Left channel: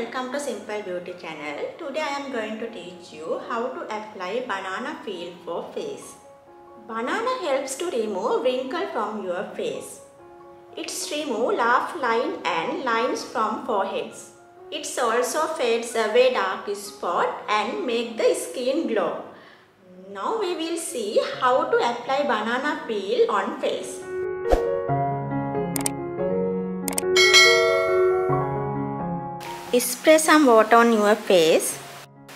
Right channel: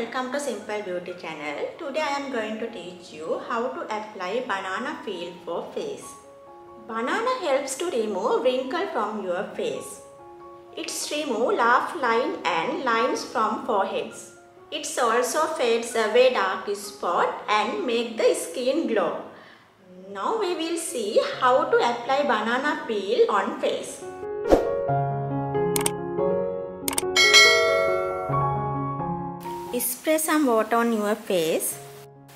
welcome to Simple Beauty channel. Today I am going to teach you how to apply banana peel for face. Banana helps to remove wrinkle from your face. It's remove laugh line and lines from foreheads. It also fades away dark spot and make the skin glow. Now we will see how to apply banana peel on face. Spray some water on your face.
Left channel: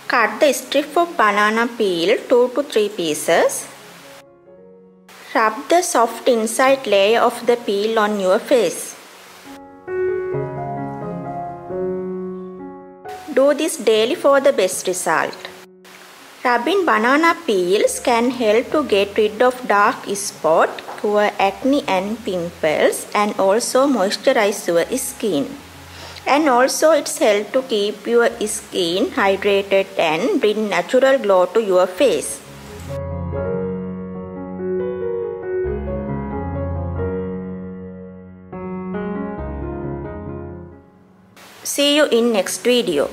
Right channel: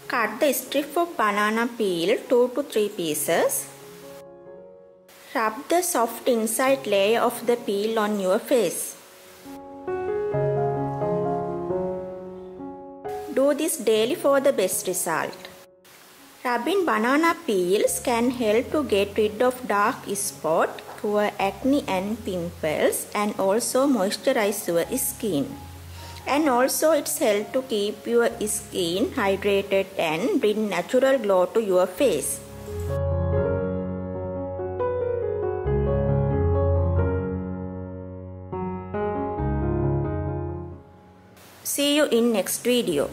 Cut the strip of banana peel 2 to 3 pieces. Rub the soft inside layer of the peel on your face. Do this daily for the best result. Rubbing banana peels can help to get rid of dark spot, cure acne and pimples, and also moisturize your skin. And also it's help to keep your skin hydrated and bring natural glow to your face. See you in next video.